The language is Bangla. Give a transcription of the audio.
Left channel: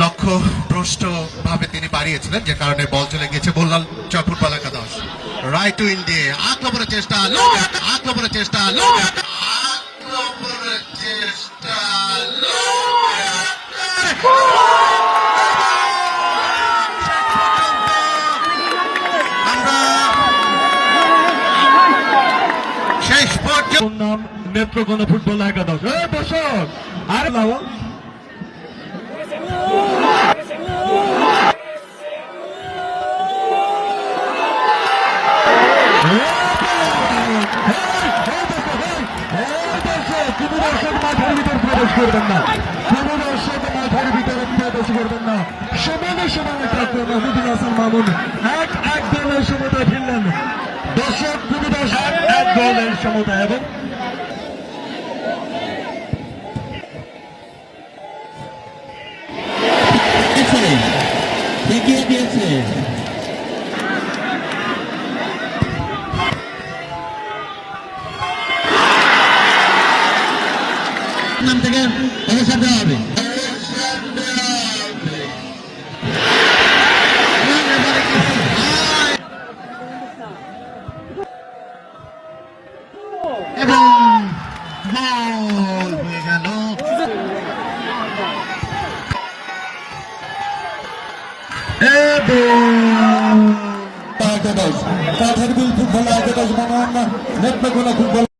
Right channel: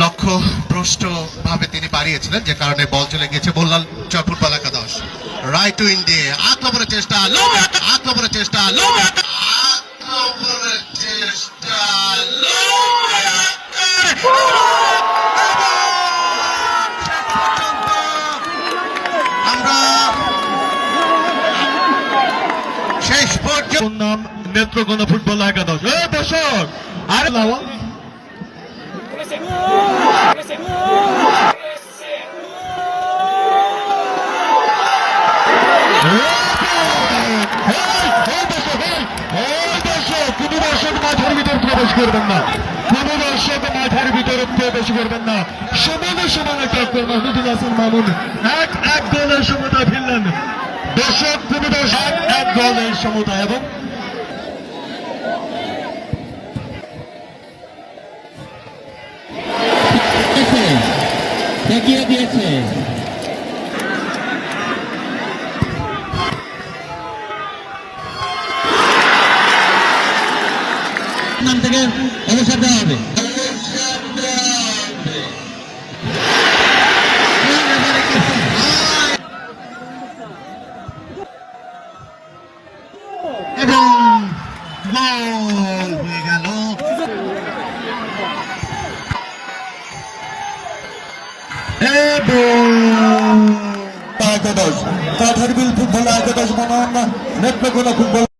লক্ষ্য ভ্রষ্ট ভাবে তিনি বাড়িয়েছিলেন, যে কারণে বল চলে গিয়েছে মোল্লাল ফুটবল একাদশ। রাইট উইন দিয়ে আক্রমণের চেষ্টা, আক্রমণের চেষ্টা, আক্রমণের চেষ্টা, আমরা শেষ পর্যন্ত নাম নেত্রকোনা ফুটবল একাদশ। এই দর্শক আর লাওয়াল কোন দর্শক মাঠের ভিতর প্রবেশ করবেন না, কোন দর্শক মাঠের ভিতরে প্রবেশ করবেন না। সমানে সমানে টক্কর মাহমুদুল হাসান মামুন এক গোলের সমতা ফিরলেন। দর্শক কোন দর্শক এক গোলের সমতা এবং দেখিয়ে দিয়েছে। নাম থেকে একে শব্দ হবে এবং গোল হয়ে গেল। একাদশ কাঠারবিল ফুটবল একাদশ মনোনয়ন নেত্রকোনা ফুটবল